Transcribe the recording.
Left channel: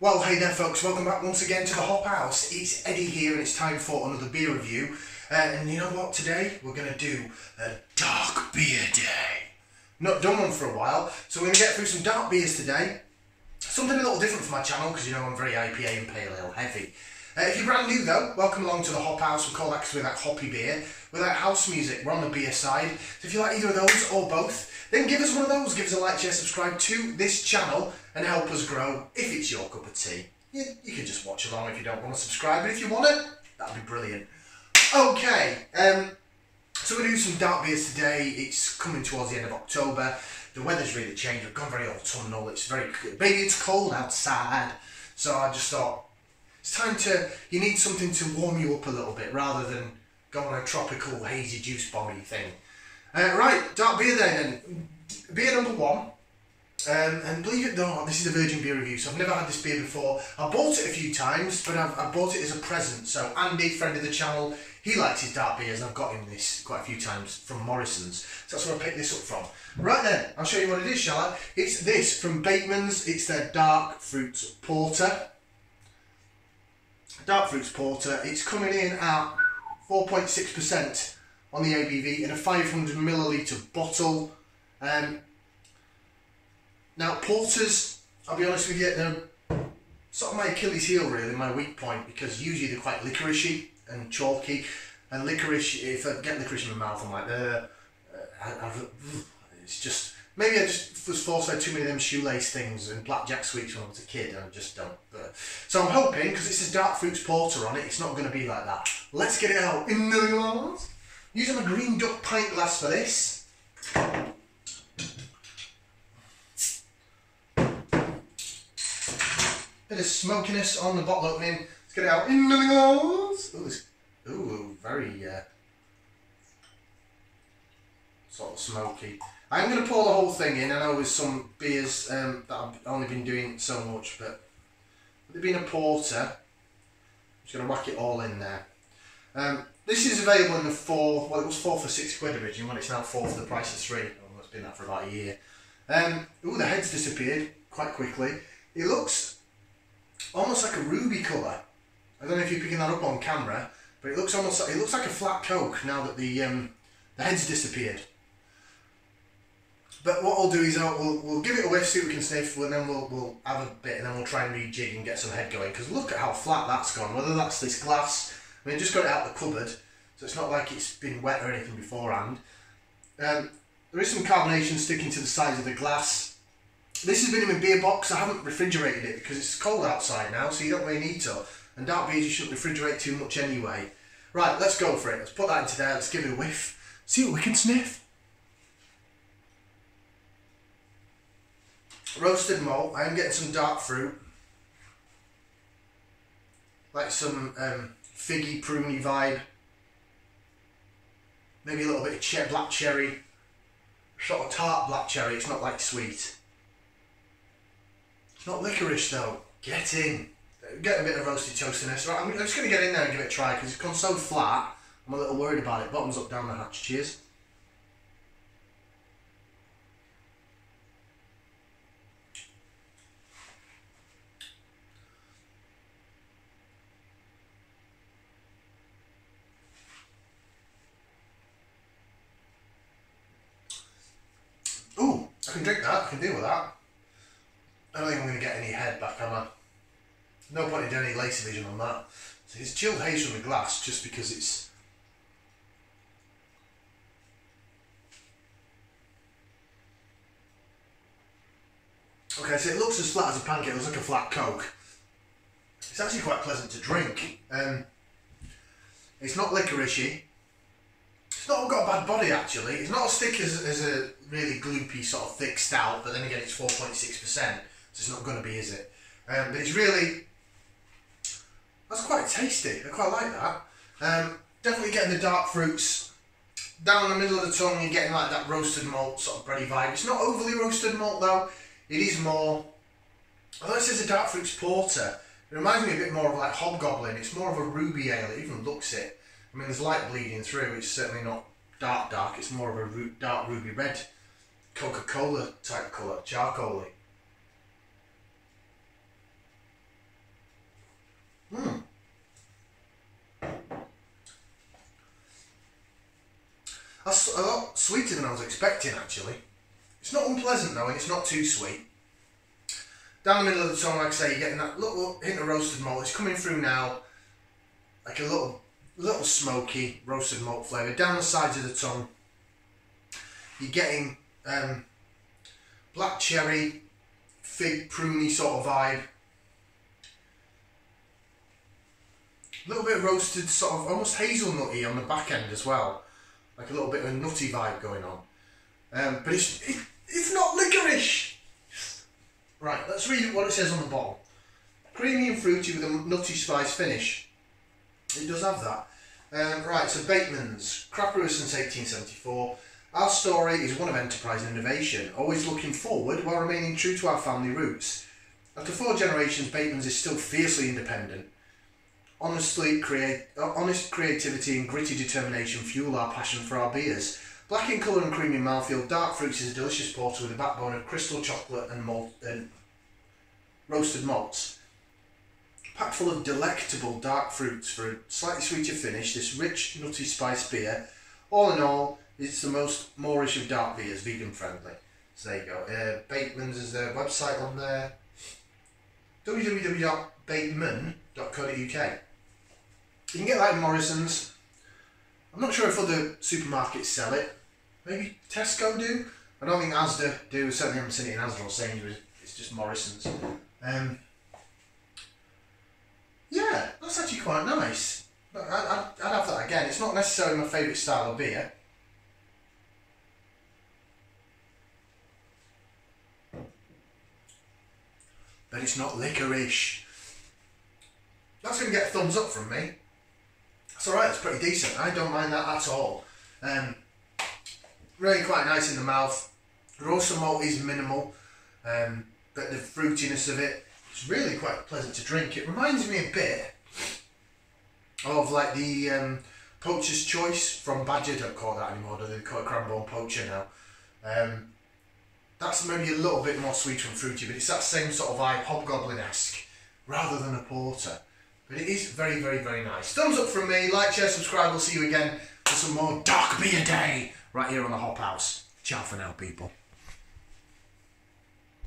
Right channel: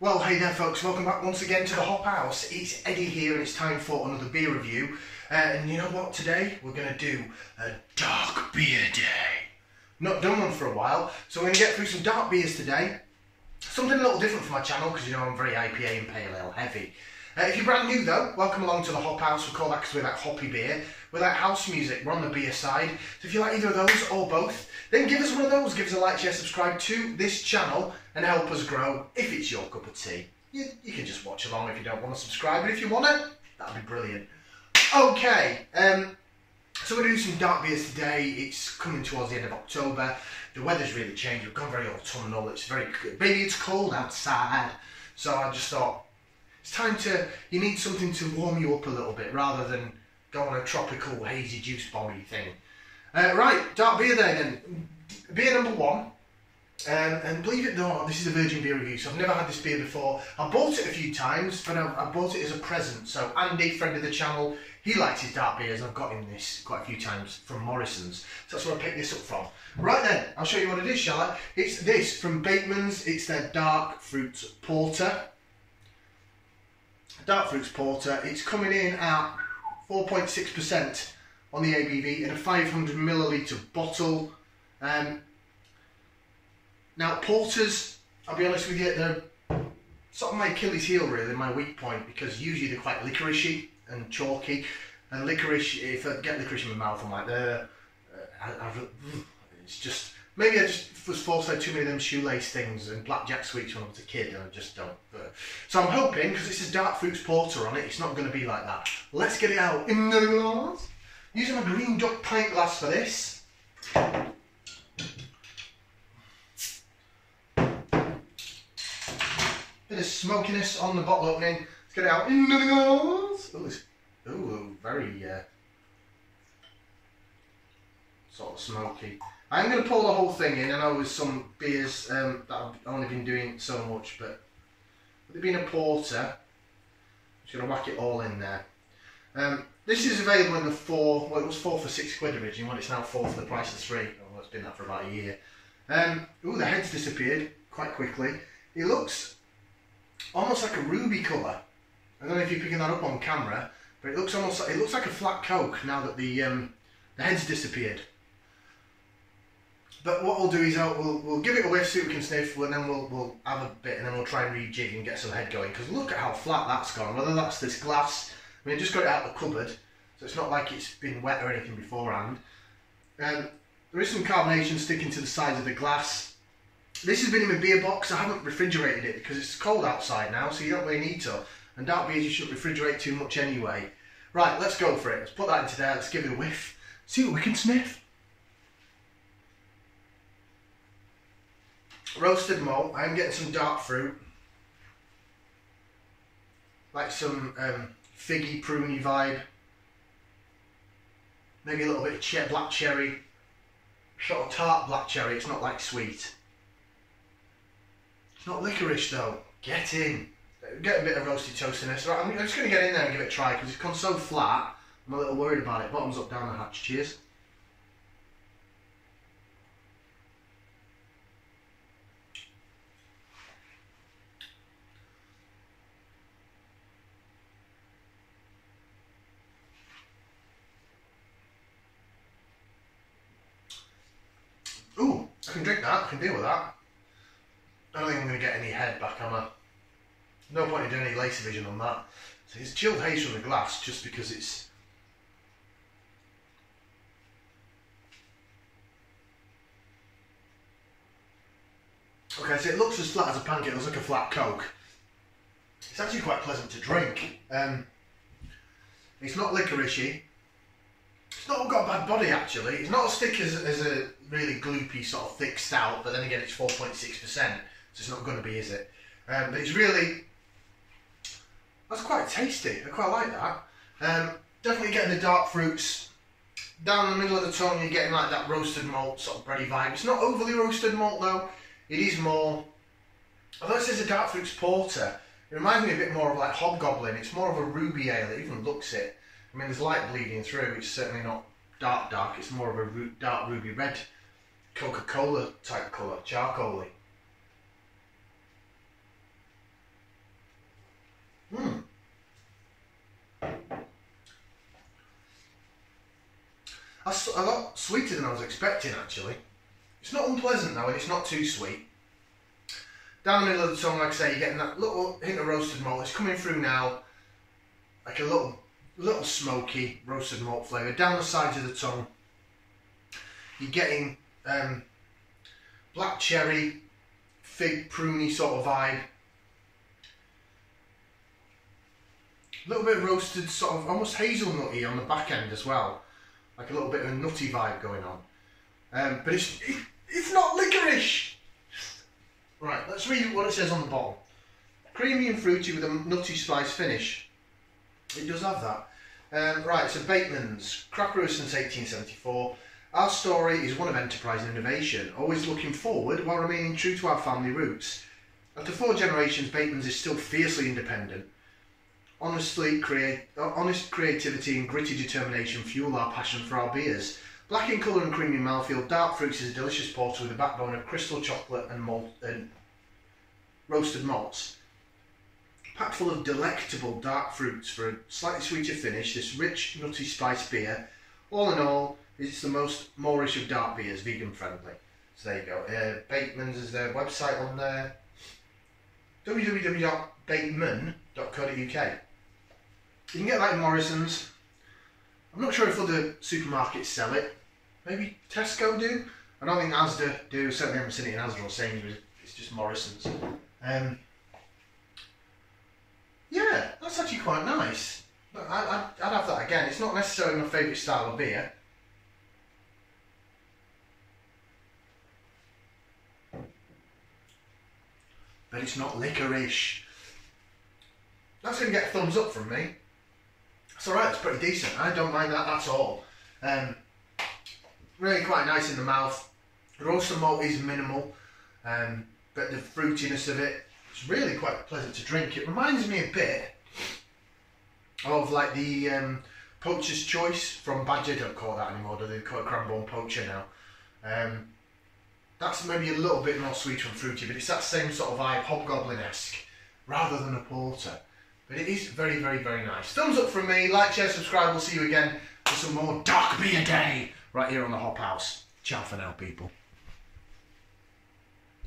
Well, hey there folks, welcome back once again to the Hop House. It's Eddie here and it's time for another beer review. And you know what, today we're going to do a dark beer day. Not done one for a while, so we're going to get through some dark beers today. Something a little different for my channel because you know I'm very IPA and pale ale heavy. If you're brand new though, welcome along to the Hop House. We call that because we like hoppy beer. We like house music, we're on the beer side. So if you like either of those or both, then give us one of those. Give us a like, share, subscribe to this channel and help us grow. If it's your cup of tea, you can just watch along if you don't want to subscribe. But if you want to, that'd be brilliant. Okay, so we're going to do some dark beers today. It's coming towards the end of October. The weather's really changed. We've gone very autumnal. It's very, maybe it's cold outside. So I just thought, it's time to, you need something to warm you up a little bit rather than go on a tropical hazy juice bomby thing. Right, dark beer then. Beer number one. And believe it or not, this is a virgin beer review, so I've never had this beer before. I bought it a few times, but I bought it as a present. So Andy, friend of the channel, he likes his dark beers, and I've got him this quite a few times from Morrisons. So that's where I picked this up from. Right then, I'll show you what it is, shall I? It's this from Batemans. It's their Dark Fruits Porter. Dark Fruits Porter. It's coming in at 4.6% on the ABV in a 500ml bottle. Now porters, I'll be honest with you, they're sort of my Achilles heel really, my weak point, because usually they're quite licoricey and chalky. And licorice, if I get licorice in my mouth, I'm like, it's just, maybe I just was forced to have too many of them shoelace things and blackjack sweets when I was a kid, and I just don't. So I'm hoping, because this is Dark Fruits Porter on it, it's not going to be like that. Let's get it out in the glass. Using my green duck pint glass for this. Bit of smokiness on the bottle opening. Let's get it out in the glass. Ooh, very sort of smoky. I'm going to pour the whole thing in. I know with some beers that I've only been doing so much, but with it being a porter, I'm just going to whack it all in there. This is available in the well, it was 4 for £6 originally, when it's now 4 for the price of 3. Oh, it's been that for about a year. Ooh, the head's disappeared quite quickly. It looks almost like a ruby colour. I don't know if you're picking that up on camera, but it looks almost, it looks like a flat Coke now that the head's disappeared. But what I'll do is we'll give it a whiff, see what we can sniff, and then we'll have a bit, and then we'll try and rejig and get some head going. Because look at how flat that's gone. Whether that's this glass, I mean, I just got it out of the cupboard, so it's not like it's been wet or anything beforehand. There is some carbonation sticking to the sides of the glass. This has been in my beer box. I haven't refrigerated it because it's cold outside now, so you don't really need to. And dark beers you shouldn't refrigerate too much anyway. Right, let's go for it. Let's put that into there. Let's give it a whiff. See what we can sniff. Roasted malt. I am getting some dark fruit. Like some figgy, pruny vibe. Maybe a little bit of black cherry. Sort of tart black cherry. It's not like sweet. It's not licorice though. Get in. Get a bit of roasted toastiness. Right, I'm just going to get in there and give it a try because it's gone so flat. I'm a little worried about it. Bottoms up, down the hatch. Cheers. Ooh, I can drink that. I can deal with that. I don't think I'm going to get any head back, am I? No point in doing any laser vision on that. So it's chilled haze from the glass just because it's... Okay, so it looks as flat as a pancake. It looks like a flat Coke. It's actually quite pleasant to drink. It's not licoricey. It's not got a bad body actually. It's not as thick as a really gloopy sort of thick stout, but then again it's 4.6%, so it's not going to be, is it? But it's really... That's quite tasty. I quite like that. Definitely getting the dark fruits down the middle of the tongue. You're getting like that roasted malt sort of bready vibe. It's not overly roasted malt though. It is more, although it says a dark fruits porter, it reminds me a bit more of like Hobgoblin. It's more of a ruby ale. It even looks it. I mean, there's light bleeding through. It's certainly not dark. It's more of a dark ruby red Coca-Cola type colour, charcoaly. That's a lot sweeter than I was expecting, actually. It's not unpleasant though, and it's not too sweet. Down the middle of the tongue, like I say, you're getting that little hint of roasted malt. It's coming through now, like a little smoky roasted malt flavour. Down the sides of the tongue, you're getting black cherry, fig, pruny sort of vibe. A little bit of roasted, sort of almost hazelnutty on the back end as well. Like a little bit of a nutty vibe going on. But it's not licorice! Right, let's read what it says on the bottle. Creamy and fruity with a nutty spice finish. It does have that. Right, so Batemans, craft brewer since 1874. Our story is one of enterprise and innovation, always looking forward while remaining true to our family roots. After 4 generations, Batemans is still fiercely independent. Honest creativity and gritty determination fuel our passion for our beers. Black in colour and creamy mouthfeel, dark fruits is a delicious porter with a backbone of crystal chocolate and roasted malts. Packed full of delectable dark fruits for a slightly sweeter finish, this rich, nutty spice beer, all in all, it's the most Moorish of dark beers, vegan friendly. So there you go. Batemans is their website on there. www.bateman.co.uk. You can get that in Morrisons. I'm not sure if other supermarkets sell it. Maybe Tesco do. I don't think Asda do. Certainly haven't seen it in Asda or Sainsbury's. It's just Morrisons. Yeah, that's actually quite nice. But I'd have that again. It's not necessarily my favourite style of beer. But it's not licorice. That's going to get a thumbs up from me. It's alright, it's pretty decent. I don't mind that at all. Really quite nice in the mouth. The roasted malt is minimal, but the fruitiness of it is really quite pleasant to drink. It reminds me a bit of like the Poacher's Choice from Badger. Don't call it that anymore, do they? Call it Cranbourne Poacher now. That's maybe a little bit more sweet and fruity, but it's that same sort of vibe, Hobgoblin-esque, rather than a porter. But it is very, very, very nice. Thumbs up from me, like, share, subscribe. We'll see you again for some more Dark Beer Day right here on the Hop House. Ciao for now, people.